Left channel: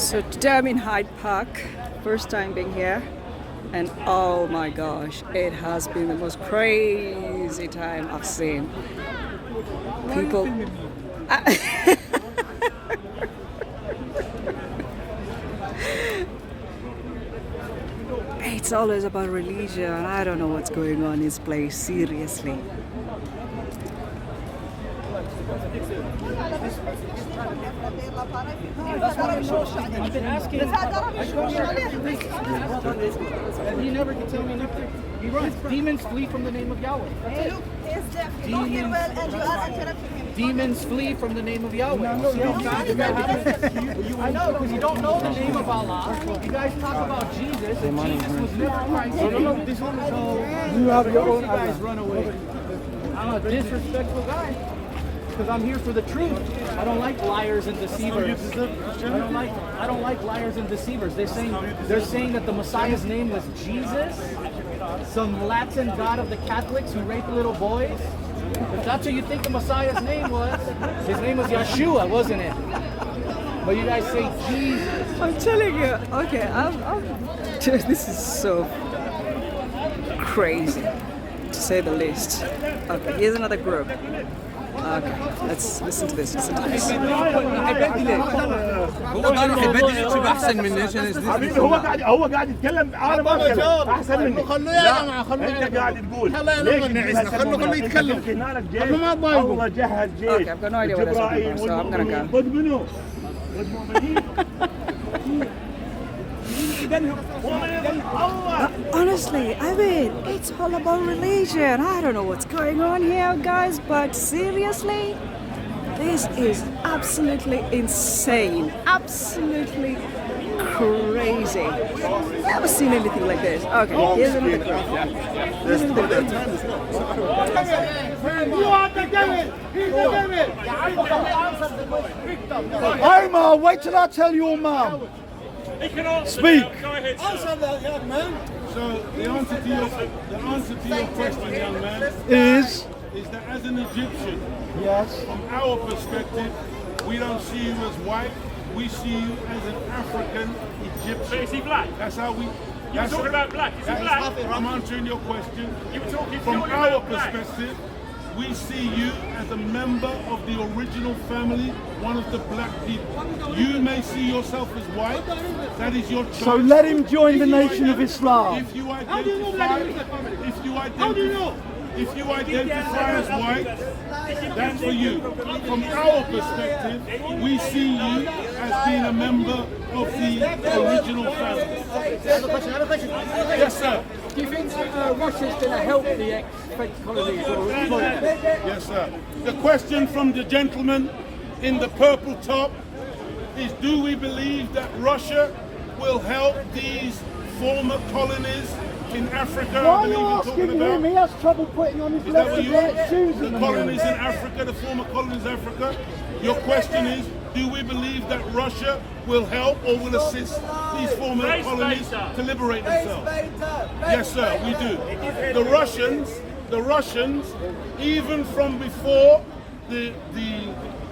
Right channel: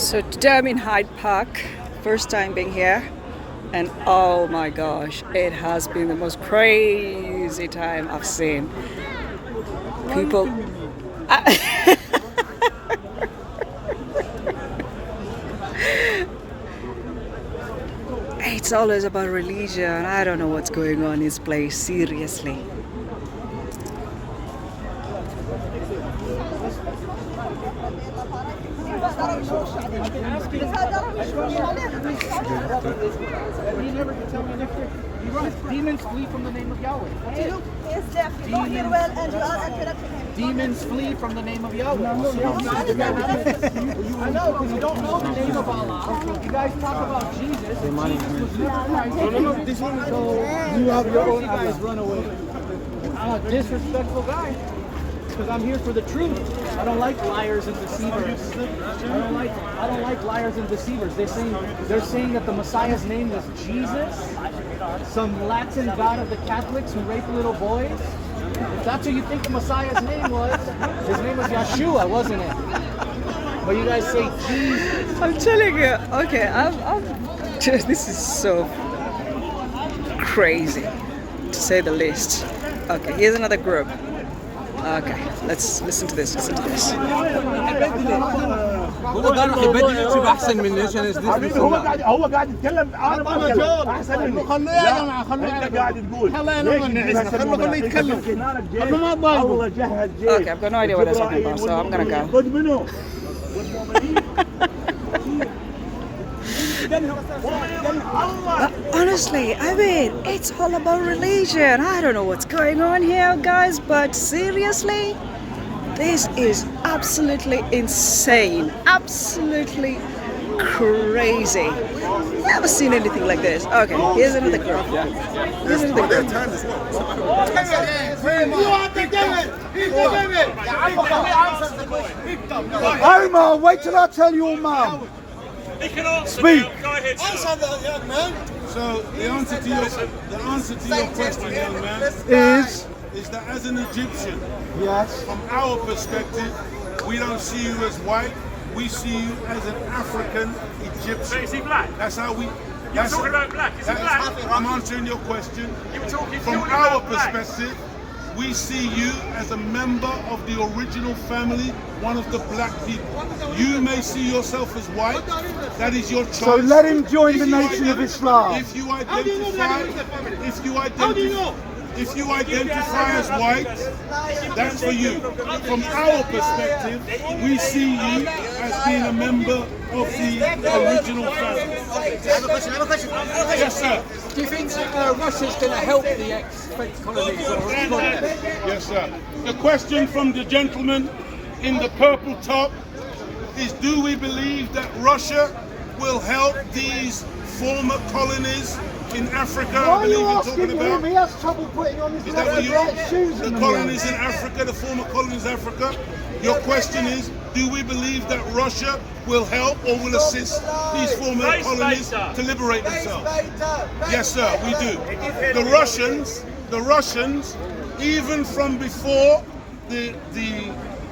So today I'm in Hyde Park, first time being here, and oh my gosh, it has been the most crazy time I've seen. People. It's always about religion. I don't know what's going on in this place, seriously. I've been asking. You never can tell me anything. You run. Demons flee from the name of Yahweh. Demons flee from the name of Yahweh. I know, because you don't know the name of Allah. You guys talk about Jesus. No. This one is so. You have your own. You guys run away. I'm a disrespectful guy. Because I'm here for the truth. I don't like liars and deceivers. I don't like liars and deceivers. They're saying that the Messiah's name was Jesus, some Latin god of the Catholics who raped little boys. If that's what you think the Messiah's name was, his name was Yeshua, wasn't it? But you guys say Jesus. I'm telling you, okay, this is so crazy, to say the least. Okay, here's another group. Okay, let's listen to this. هو قال راح يبدل يكتب احسن مني عشان يثبت هو قاعد يتكلم انا ما بتكلم احسن مني خلوه يا جماعه خلوه انت قاعد تقول خلوه يتكلم خلوه ما تضايقوا والله جهز جيش. Okay, I've got no idea what they're talking about, so I'm gonna go. خذ منه Honestly, I mean, it's all about religion. I don't know what's going on here, guys, but seriously, this is absolutely insane. Absolutely crazy. Never seen anything like this. Okay, here's another group. Here's another group. Omar, wait till I tell you, Omar. He can answer. Speak. Now. Go ahead. Answer that, young man. So the answer to your question, young man, Is that as an Egyptian, yes. from our perspective, we don't see you as white. We see you as an African Egyptian. So is he black? That's how we. You were talking about black. Is he black? I'm answering your question. You were talking From purely our about black. perspective, we see you as a member of the original family, one of the black people. You may see yourself as white. That is your choice. So let him join the Nation of Islam. If you identify as white, that's for you. From our perspective, we see you as being a member of the original family. I have a question. Yes, sir. Do you think Russia's going to help the ex-fake colonies? Yes, sir. The question from the gentleman in the purple top is, do we believe that Russia will help these former colonies in Africa? Why are you asking him? He has trouble putting on his Is that what black shoes. the colonies in Africa, the former colonies in Africa? Your question is, do we believe that Russia will help or will assist these former colonies to liberate themselves? Yes, sir, we do. The Russians, even from before the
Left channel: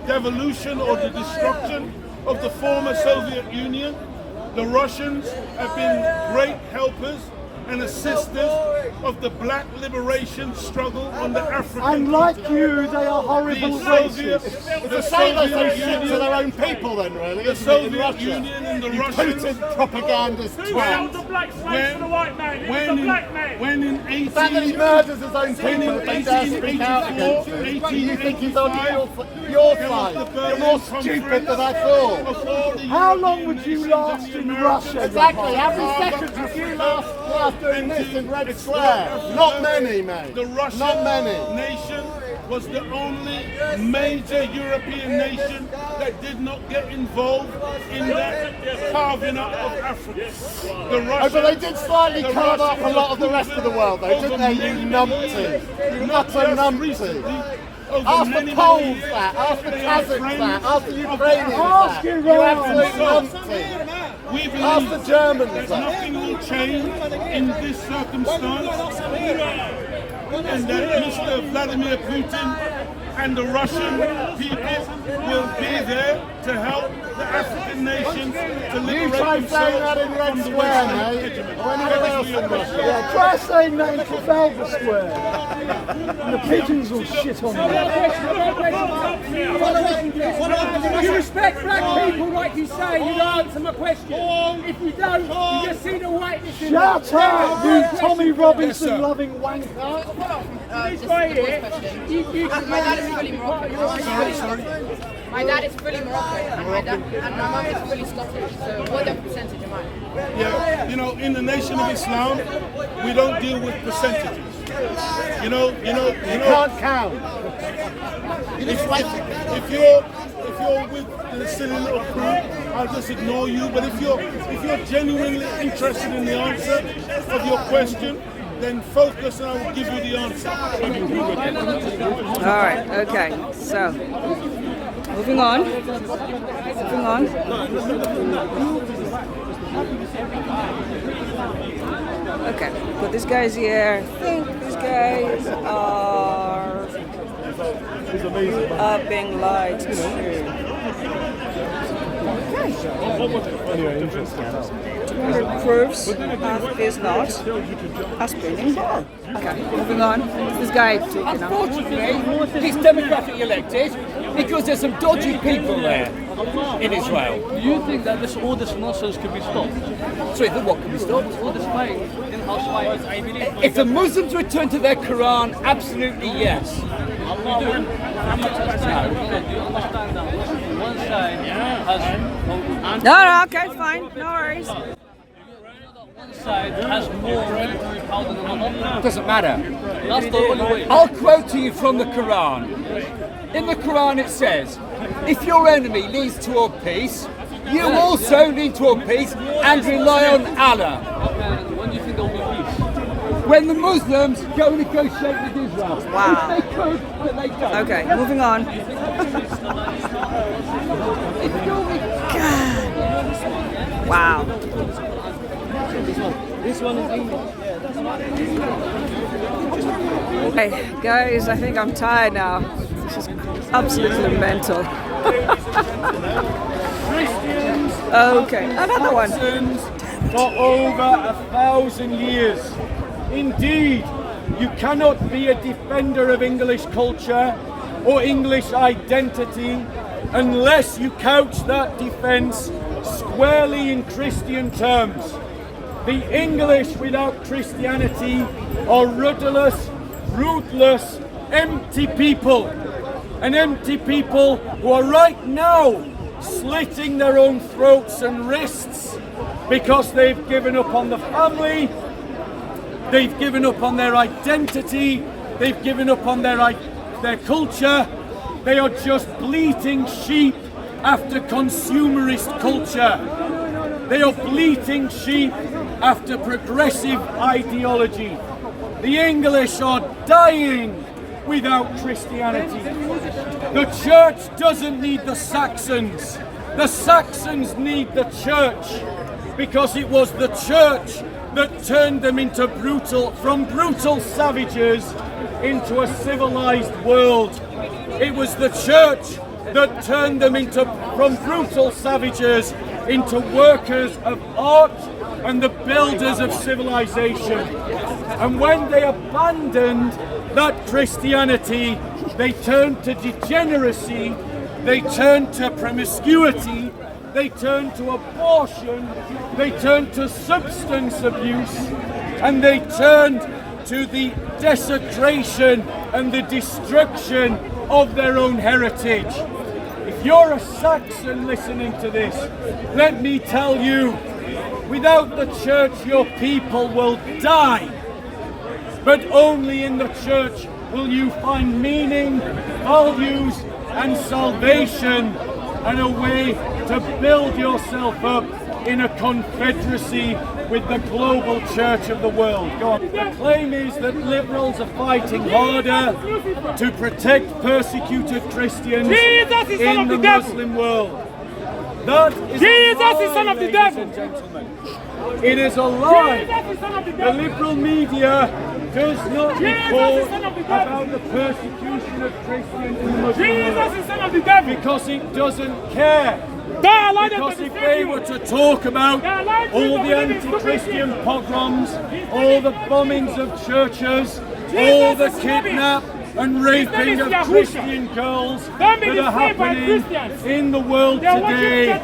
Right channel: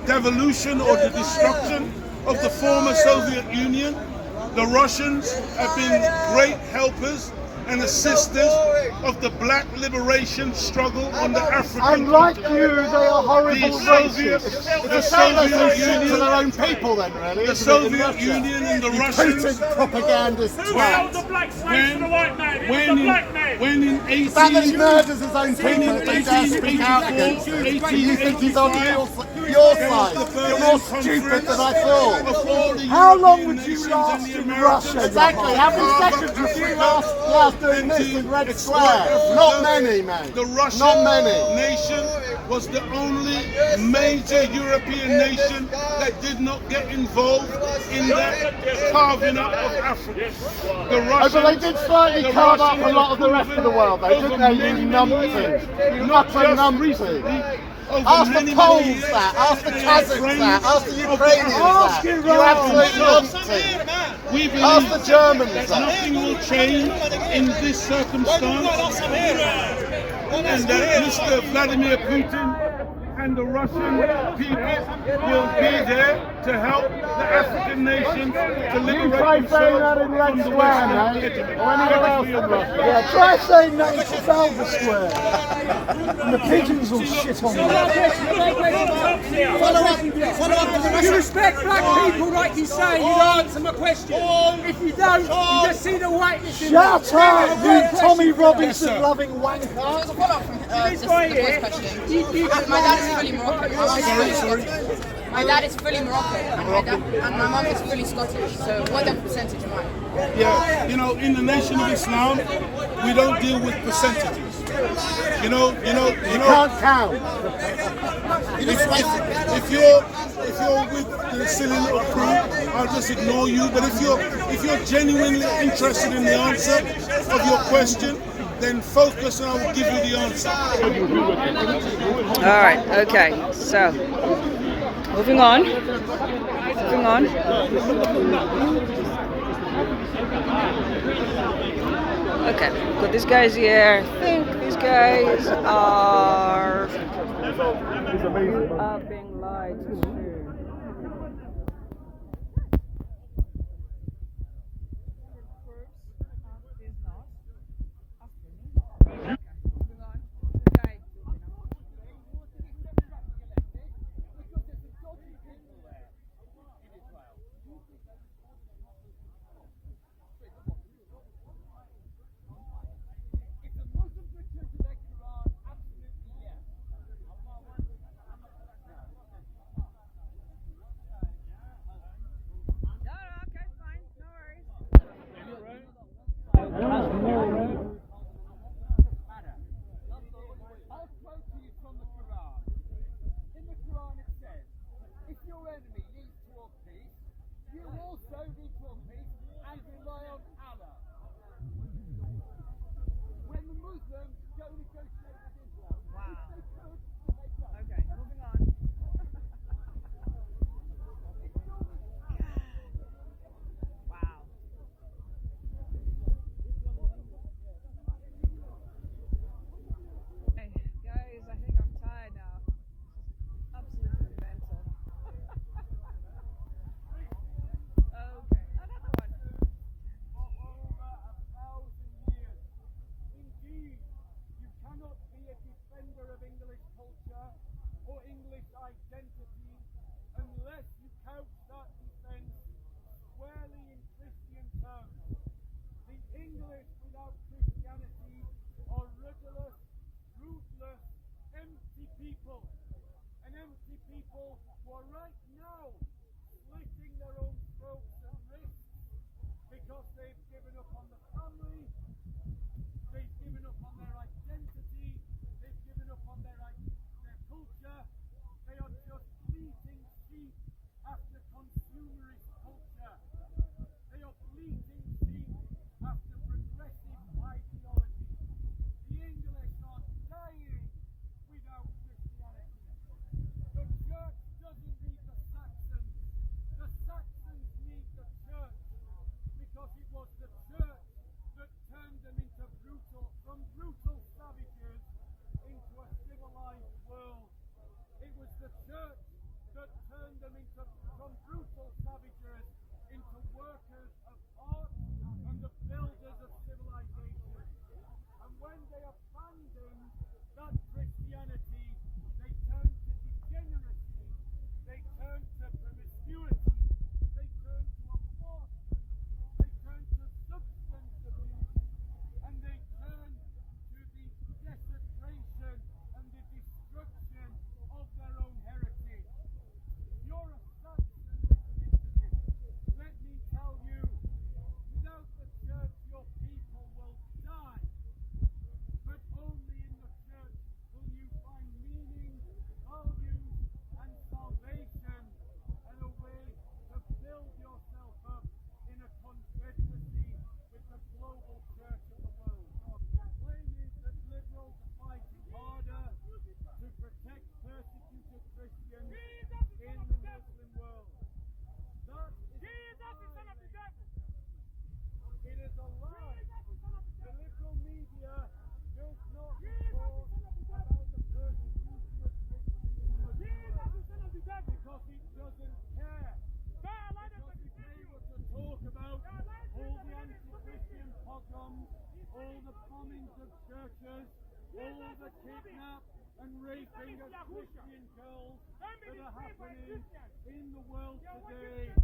devolution or the destruction of the former Soviet Union, the Russians have been great helpers and assisters of the black liberation struggle on the African Unlike continent. you, they are horrible racists. The Soviet Union, to their own people, then, really. the Soviet Union and the Russians. Propagandist. Who held the black slaves for the white man? It was the black man. When in That he murders his own When people in if they dare speak out against you. 1884, You think he's on your there was side. the You're more Berlin stupid than I Conference thought. of all the How long European would you nations last and the in Americans. Russia? Exactly. How many Carve seconds up would you Africa last doing and this to in Red exploit Square? Africa. Not many, mate. The Russian Not many. nation was the only major European nation that did not get involved in that carving up of Africa. The Oh, Russians, but they did slightly the carve up a Russians lot of the rest of the world, though, didn't they, you numpty? You utter numpty. Ask the Poles that, ask the Kazakhs that, ask the Ukrainians that. You absolute numpty. We Ask believe the Germans that that. nothing will change in this circumstance, and that Mr. Vladimir Putin and the Russian people will be there to help the African African nations to You liberate try saying that themselves in Red from the Square, Western mate, hegemony. or anywhere else in Russia. Yeah, try saying that in Trafalgar Square. And the pigeons will shit on you. If you respect black people like you say, you'd answer my question. If you don't, you just see the whiteness in them. Shut up, you Tommy Robinson loving wanker. This guy here, My dad is fully Moroccan. Sorry. My dad is fully Moroccan, and my mum is fully Scottish. So what the percentage am I? Yeah, you know, in the Nation of Islam, we don't deal with percentages. You Can't count. if you're with the silly little crew, I'll just ignore you. But if you're genuinely interested in the answer of your question, then focus and I will give you the answer. All right, okay, so moving on. Okay, got these guys here. I think these guys are being lied to. Proves Earth is not a spinning ball. Okay, moving on. This guy taking up. unfortunately, he's democratically elected because there's some dodgy people there in Israel. Do you think that all this nonsense could be stopped? Sorry, the what can be stopped? All this fight, in-house fight. If the Muslims return to their Quran, absolutely yes. Do you understand that one side has No, okay, fine, no worries. one side has more military power than another? Doesn't matter. That's the only way. I'll quote to you from the Quran. In the Quran it says, if your enemy leads toward peace, you also lead toward peace and rely on Allah. Okay, when do you think there will be peace? When the Muslims go negotiate with Israel. Wow. If they could, but they don't. Okay, moving on. Wow. This one is English. Hey, guys, I think I'm tired now. This is absolutely mental. Okay, another one. For over 1,000 years. Indeed, you cannot be a defender of English culture or English identity unless you couch that defence squarely in Christian terms. The English without Christianity are rudderless, ruthless, empty people. And empty people who are right now slitting their own throats and wrists because they've given up on the family, they've given up on their identity, they've given up on their culture. They are just bleating sheep after consumerist culture. They are bleating sheep after progressive ideology. The English are dying without Christianity. The church doesn't need the Saxons. The Saxons need the church because it was the church that turned them into from brutal savages into a civilized world. It was the church that turned them from brutal savages into workers of art and the builders of civilization. And when they abandoned that Christianity, they turned to degeneracy, they turned to promiscuity, they turned to abortion, they turned to substance abuse, and they turned to the desecration and the destruction of their own heritage. If you're a Saxon listening to this, let me tell you, without the church your people will die. But only in the church will you find meaning, values and salvation and a way to build yourself up in a confederacy with the global church of the world. Go on. The claim is that liberals are fighting harder to protect persecuted Christians in the Muslim world. That is Jesus is son of the devil. ladies and gentlemen. It is a lie. The liberal media does not report about the persecution of Christians in the Muslim world Jesus is son of the devil. because it doesn't care. Because if they were to talk about all the anti-Christian pogroms, all the bombings of churches, all the kidnap and raping of Christian girls that are happening in the world today,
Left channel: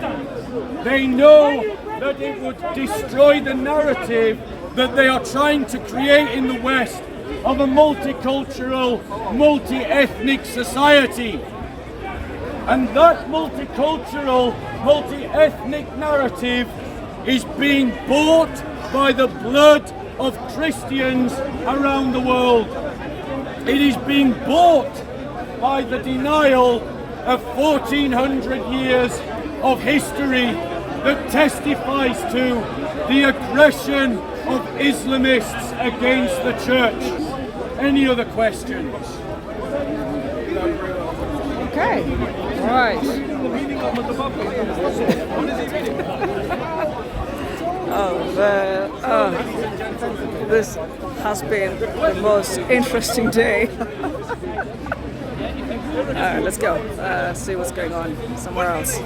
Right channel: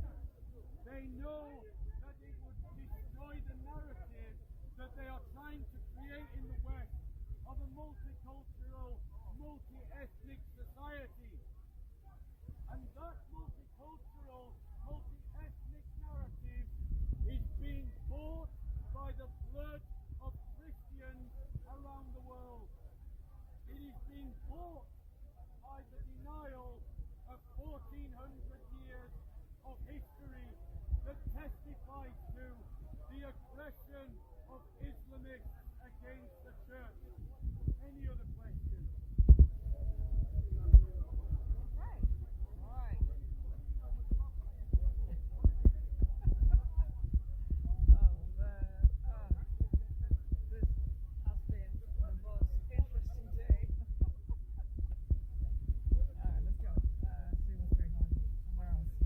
they know that it would destroy the narrative that they are trying to create in the West of a multicultural, multi-ethnic society. And that multicultural, multi-ethnic narrative is being bought by the blood of Christians around the world. It is being bought by the denial of 1400 years of history that testifies to the aggression of Islamists against the church. Any other questions? Okay, all right. This has been the most interesting day. Let's go, see what's going on somewhere else.